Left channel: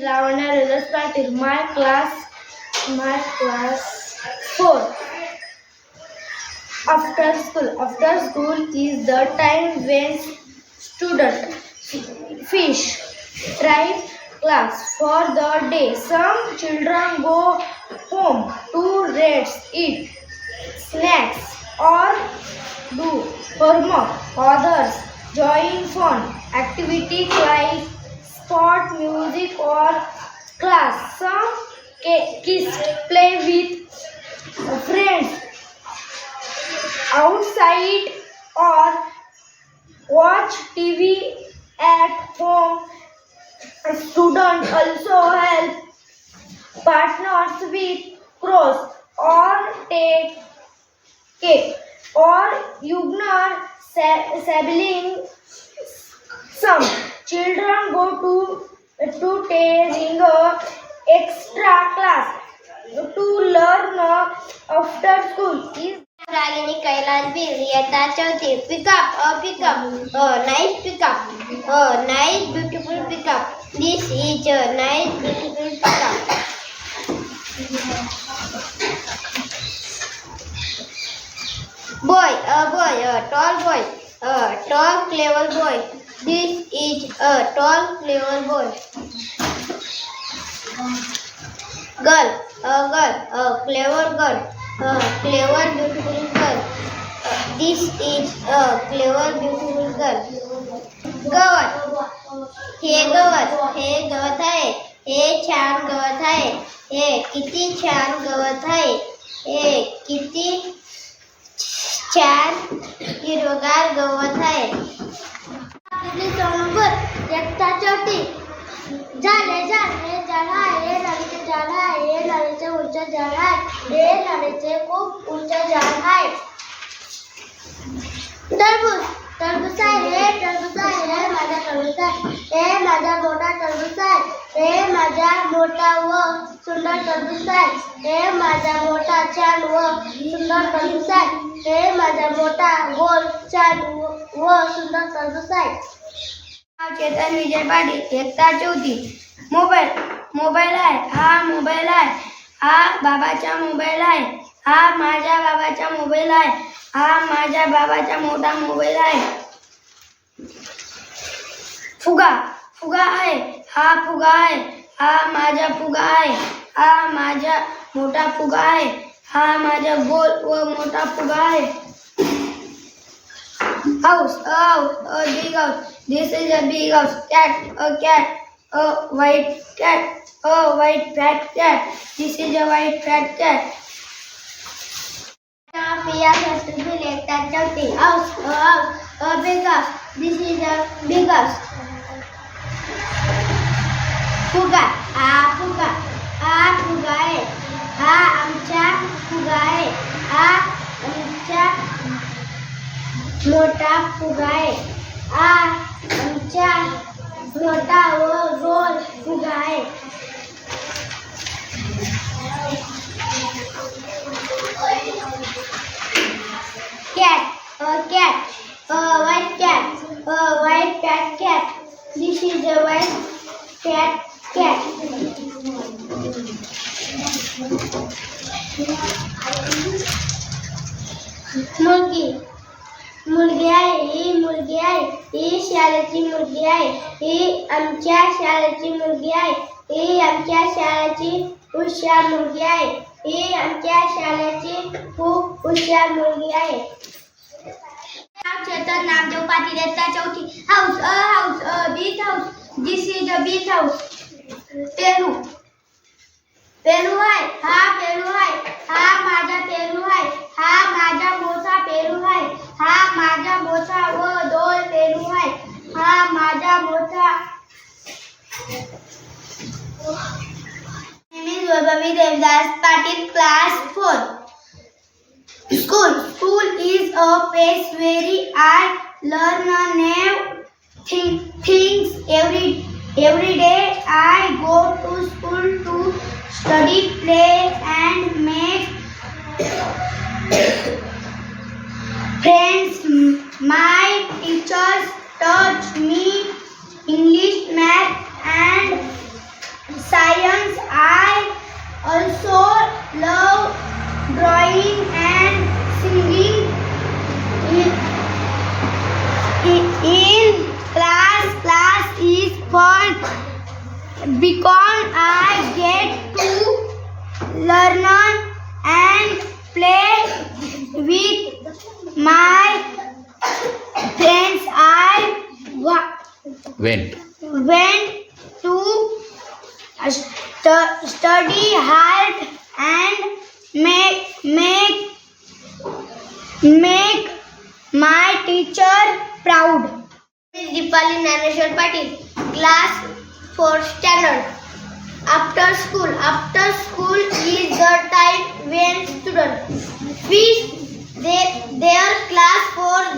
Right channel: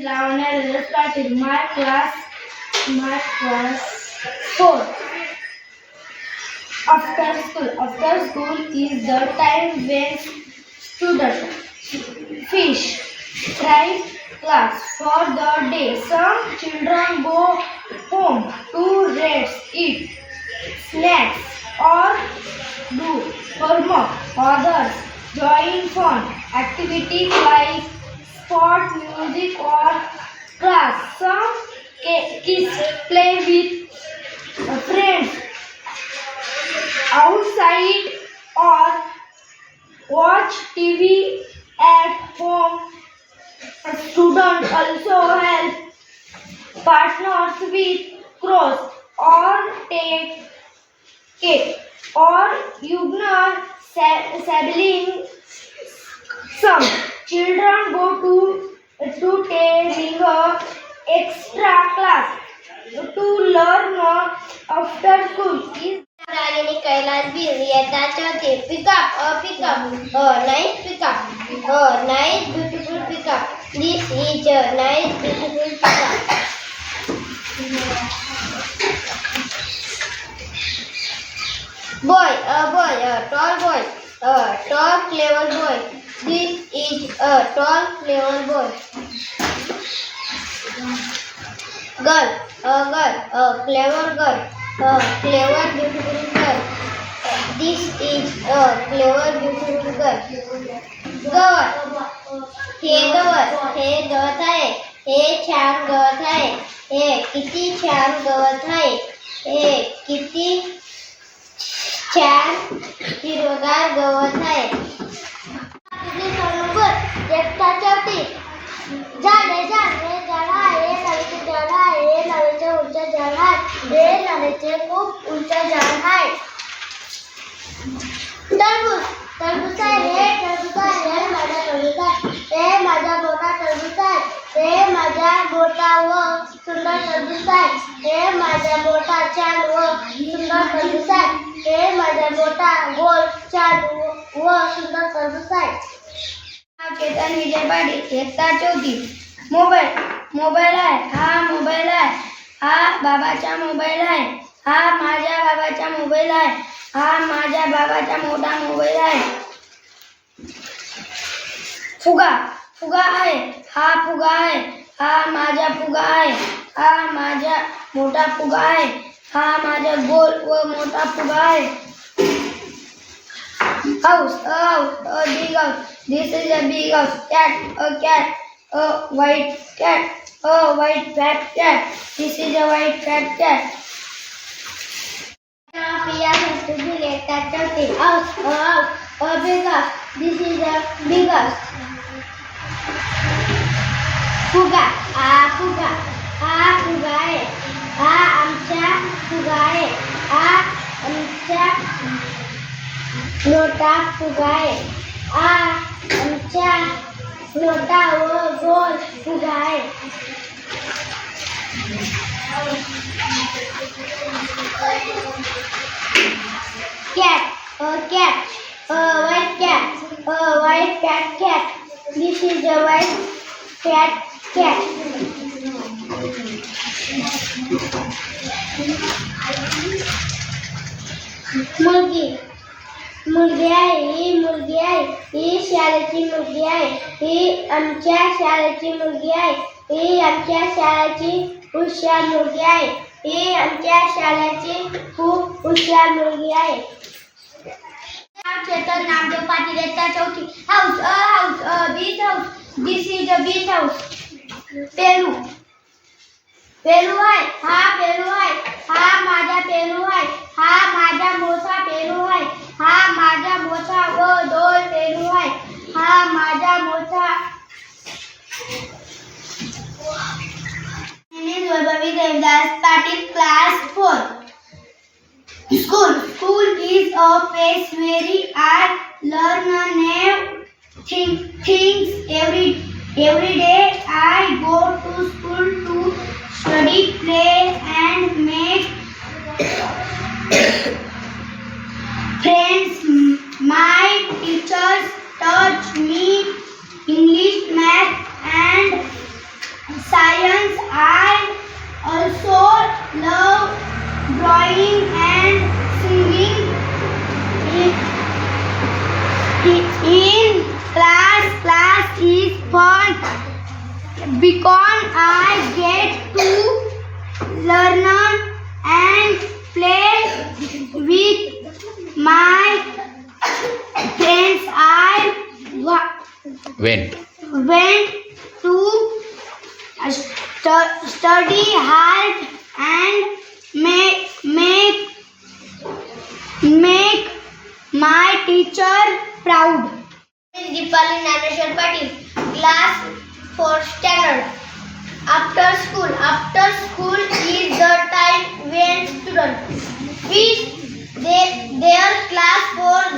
Lavanya Rivers started my class, my class four. After school, after school is the time when students fish right class for the day. Some children go home to rest, eat snacks or do homework. Others join fun activities like sport, music or class. Some kids play with friends outside or watch TV at home. Students also help partners with cross or take cake or ignore sibling. Some children go to to taking extra class to learn after school is Ragini Kailas Bil येता चौथी pick up a pick up a nice nice beautiful pick up this is a nice beautiful pick up boy a boy a tall boy a tall clever boy this is a tall clever boy girl a girl a clever girl a clever beautiful girl this is a clever beautiful girl गवत हे गवत हे गवत आहे हे छान गवत आहे हे किती छान गवत आहे हे किती छान हिरवगार गवत आहे चौथी झाडे झाडे झाड आहे नारळीचे झाड आहे नारळीचे उंच झाड आहे हे नारळीचे खूप उंच झाड आहे. टरबूज टरबूज आहे हे टरबूज आहे हे माझा टरबूज आहे. हे माझा मोठा टरबूज आहे. हे माझा मोठा व सुंदर टरबूज आहे. हे माझा मोठा छान व सुंदर टरबूज आहे. हे माझा मोठा गोल छान व व सुंदर टरबूज आहे चेतन विजय पाटील एकता चौथी मोबाईल मोबाईल आहे. हा मोबाईल आहे. हा बाबाचा मोबाईल आहे. हा माझ्या बाबाचा मोबाईल आहे. हा माझ्या बाबाचा मोठा मोबाईल आहे. फुगा फुगा आहे. हा फुगा आहे. हा माझा फुगा आहे. हा माझा मोठा फुगा आहे. हा माझा गोल व मोठा फुगा आहे. house, a house, a big house. This is a big house. Cat, a cat, a white cat, a white fat cat. This is a white fat cat. Priya Satubul Ekta Chauthi House, a house, a big house. This is a big house. फुगा हा फुगा हा फुगा आहे हा आमचा फुगा आहे हा आमचा मोठा फुगा आहे हा आमचा मोठा व गोल फुगा आहे cat, a cat, a white cat, a white fat cat. This is a white fat cat. मुलगी मुलगी आहे ही मुलगी आहे ही शाळेची मुलगी आहे ही आमच्या शाळेची मुलगी आहे ही आमच्या शाळेची हुशार मुलगी आहे ही आमच्या शाळेची खूप हुशार मुलगी आहे. चेतन नामदेव पाटील येता चौथी. House a house a beach house this is a beach house पेरू पेरू आहे. हा पेरू आहे. हा माझा पेरू आहे every day. went. Went to stu study hard and make make make my teacher proud. Deepali Naneshwar Patil class 4 standard. After school after school is the time when students finish their, their class for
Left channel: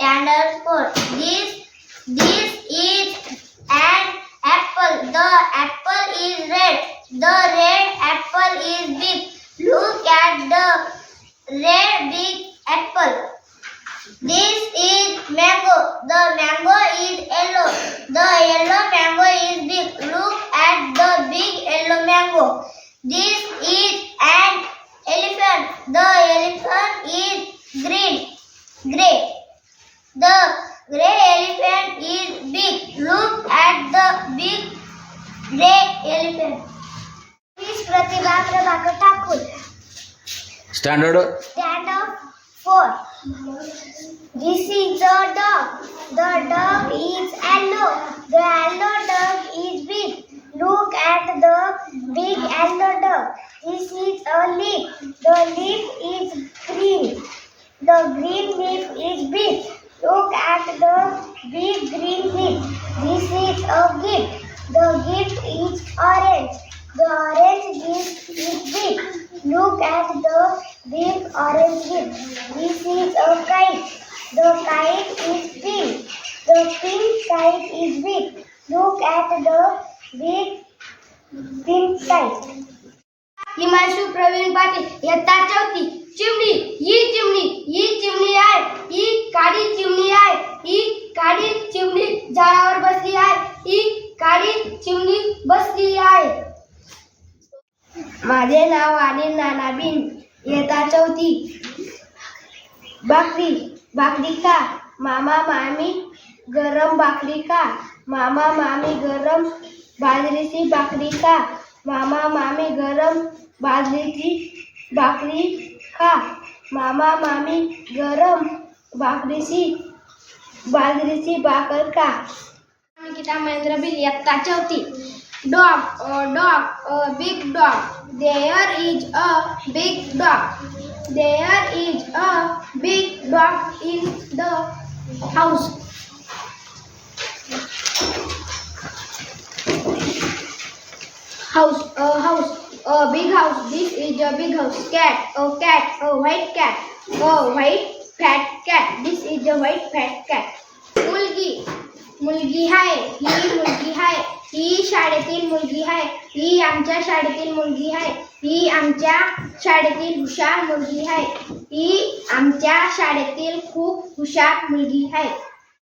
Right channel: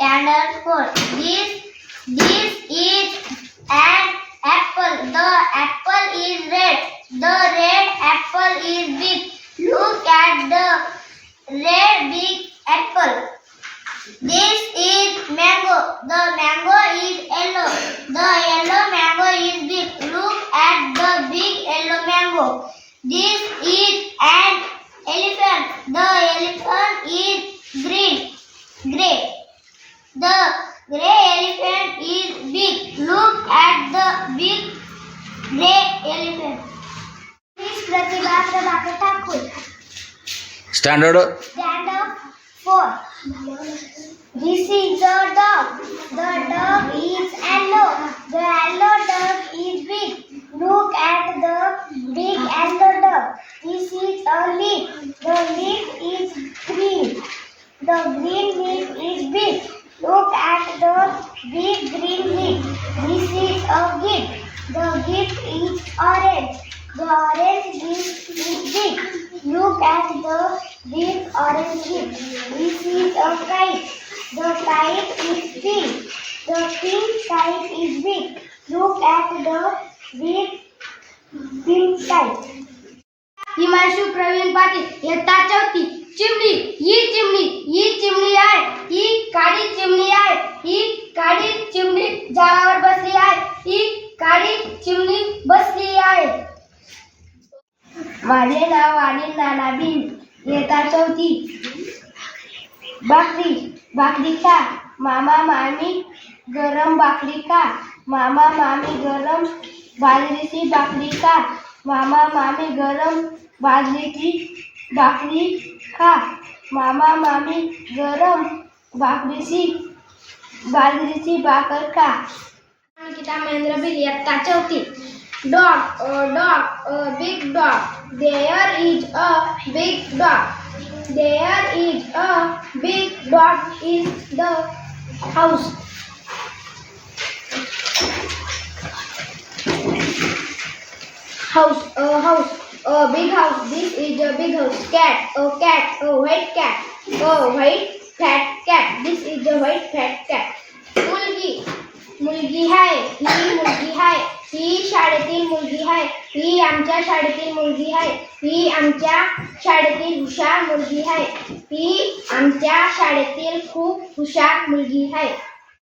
underscore. This, this is an apple. The apple is red. The red apple is big. Look at the red big apple. This is mango. The mango is yellow. The yellow mango is big. Look at the big yellow mango. This Standard. Stand up for. This is the dog. The dog is yellow. The yellow dog is big. Look at the big yellow dog. This is a leaf. The leaf The kite is big. The pink kite is big. Look at the big pink kite. Himanshu Pravin Patil इयत्ता चौथी चिमणी ही चिमणी ही चिमणी आहे. ही काळी चिमणी आहे. ही काळी चिमणी झाडावर बसली आहे. ही काळी चिमणी बसली आहे. माझे नाव आणि नाना बिन इयत्ता चौथी. भाकरी भाकरी का मामा मामी गरम भाकरी का मामा मामी गरम बाजरीची भाकरी का मामा मामी गरम बाजरीची भाकरी खा. मामा मामी गरम भाकरीची बाजरीची भाकर खा. निकिता महेंद्र बिल इयत्ता चौथी dog dog big dog. There is a big dog. There is a big dog in the house. House, a house, a big house. This is a big house. Cat, a cat, a white cat, a white fat cat. This is a white fat cat. Mulgi, mulgi hi, he mulgi ही शाळेतील मुलगी आहे. ही आमच्या शाळेतील मुलगी आहे. ही आमच्या शाळेतील हुशार मुलगी आहे. ही आमच्या शाळेतील खूप हुशार मुलगी आहे.